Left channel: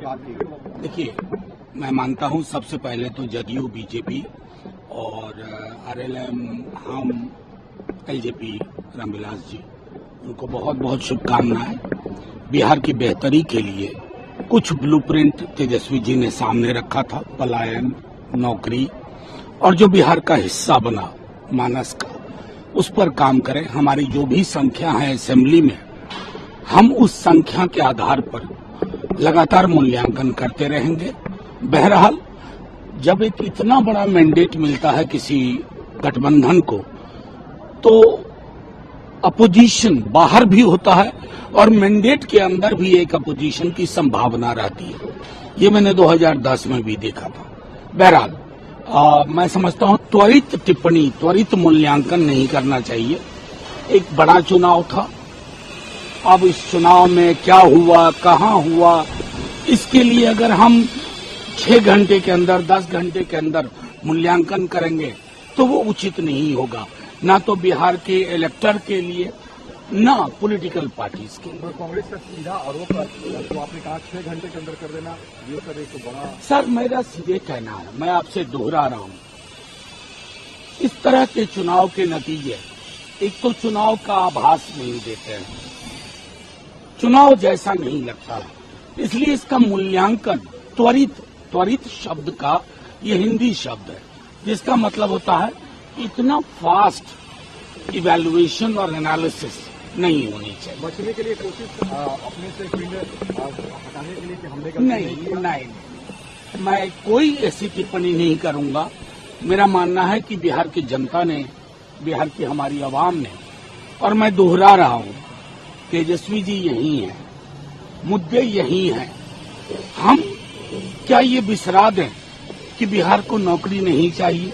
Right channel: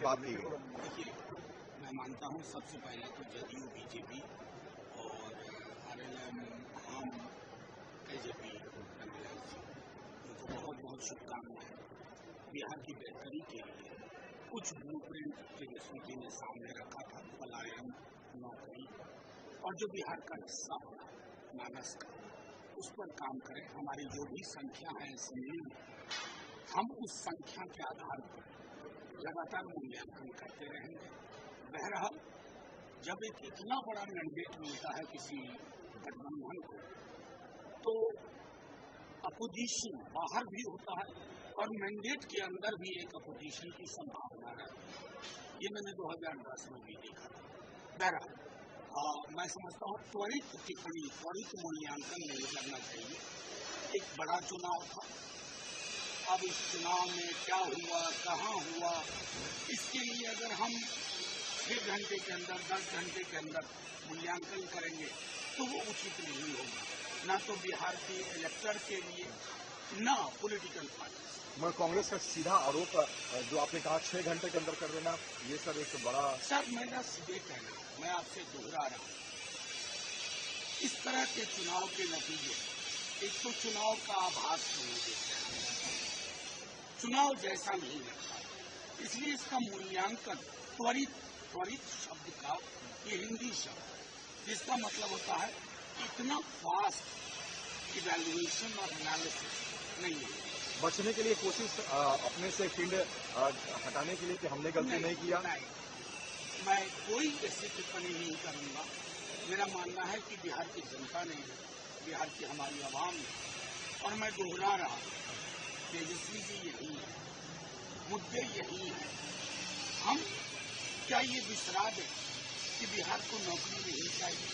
की बात थी। देखिए, मैं मानता हूं सबसे पहले तो जदयू, बीजेपी और आरएलएम, हम, एलजेपी, रामविलास जी, उनको बहुत बहुत शुभकामनाएं। बिहार की बेहतरी के लिए कुछ ब्लूप्रिंट तेजस्वी जी ने सामने रखा था, पलायन, नौकरी, और जो बिहार का हिस्सा बना मानस का, उस पर काम करें। हमारी जो भी संख्या है असेंबली में, हम उस संख्या के आधार पर लगातार मूल्यांकन करते रहेंगे। बहरहाल, जब एक इतना बड़ा मैंडेट मिलता है किसी गठबंधन को, तो अपोजिशन बाहर भी होता है और मैंडेट के अंदर भी एक अपोजिशन की संभावना रहती है। ये मैंने 2010 में भी देखा था। बहरहाल, मैं समझता हूं त्वरित टिप्पणी, त्वरित मूल्यांकन नहीं करना चाहिए। एक बड़ा चुनाव था, अब इस चुनाव में क्या हुआ, कहां हुआ, इसके लिए अगर हम 6 घंटे के अंदर, 10 घंटे के अंदर मूल्यांकन करेंगे तो वो उचित नहीं होगा, ना तो बिहार के इलेक्टर के लिए, ना पॉलिटिकल पार्टीज के लिए। कांग्रेस का सीधा आरोप है, तो आपने कहा 6 घंटे के अंदर कर देना, ये सब एक बड़ा। सर, मेरा सीधे कहना है, मैं आपसे दोहरा रहा हूं, इस तरह के चुनाव के नतीजे एक तो चुनाव का आभास नहीं देते हैं, चुनाव जैसा नहीं लगता है, इसलिए इसका मूल्यांकन त्वरित शब्द का ये हिंदी शब्द है, जिसका मतलब होता है इतना फास्ट इवैल्यूएशन और एनालिसिस नहीं होनी चाहिए। बचने के लिए कोशिश अपने से फील्ड हटाने के लिए कि हमले का नहीं, मैं कोई ऐसी टिप्पणी नहीं करूंगा। मेरा मानना है कि बिहार की जनता ने, बिहार की हमारी आवाम ने, और मैं दोहरा रहा हूं, तेजस्वी जी यही हैं, मुद्दे यही हैं। हम क्या ये बिसरा दें कि बिहार को नौकरी नहीं चाहिए,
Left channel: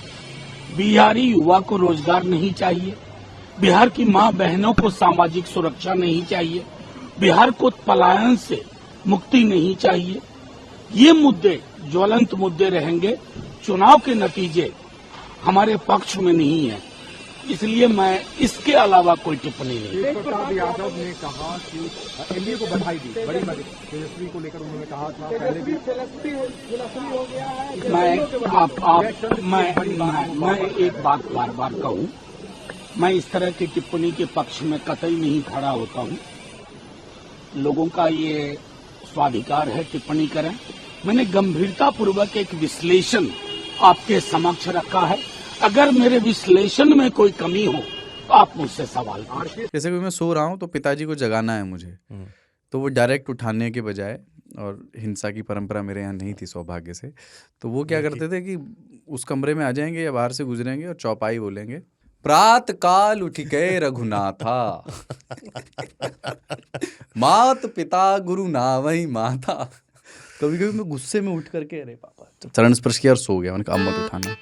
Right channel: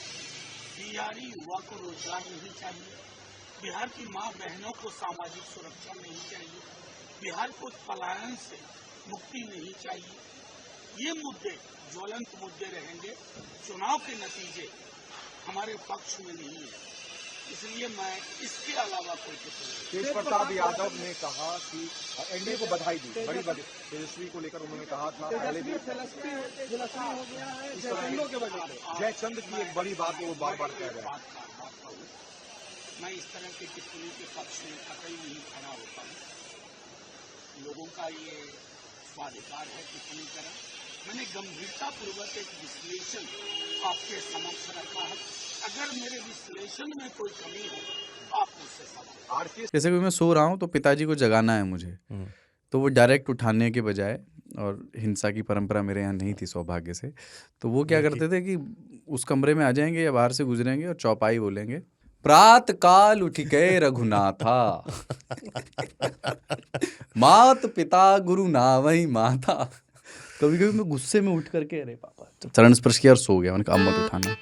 बिहारी युवा को रोजगार नहीं चाहिए, बिहार की मां बहनों को सामाजिक सुरक्षा नहीं चाहिए, बिहार को पलायन से मुक्ति नहीं चाहिए? ये मुद्दे ज्वलंत मुद्दे रहेंगे। चुनाव के नतीजे हमारे पक्ष में नहीं है, इसलिए मैं इसके अलावा कोई टिप्पणी नहीं। तेज प्रताप यादव ने कहा कि एनडीए को बधाई दी, बड़ी तेजस्वी को लेकर उन्होंने कहा था पहले भी। मैं एक बात बार बार कहूं, मैं इस तरह की टिप्पणी के पक्ष में कतई नहीं खड़ा होता हूं। लोगों का ये स्वाधिकार है टिप्पणी करें। मैंने गंभीरतापूर्वक एक विश्लेषण आपके समक्ष रखा है। अगर मेरे विश्लेषण में कोई कमी हो तो आप मुझसे सवाल करें। जैसे कि मैं सो रहा हूँ तो पिताजी को जगाना है मुझे, तो वो डायरेक्ट उठाने के बजाय, और हिंसा की परंपरा मेरे यहाँ नहीं थी सौभाग्य से, तो वो क्या करते थे कि उस कमरे में आ जाएंगे या बाहर से गुजरेंगे और चौपाई बोलेंगे, प्रात काल उठ के रघुनाथा मात पिता गुरु नावई माता। कभी कभी मैं गुस्से में उठ करके, अरे पापा, चरण स्पर्श किया और सो गया। मैंने कहा अब मत उठाना।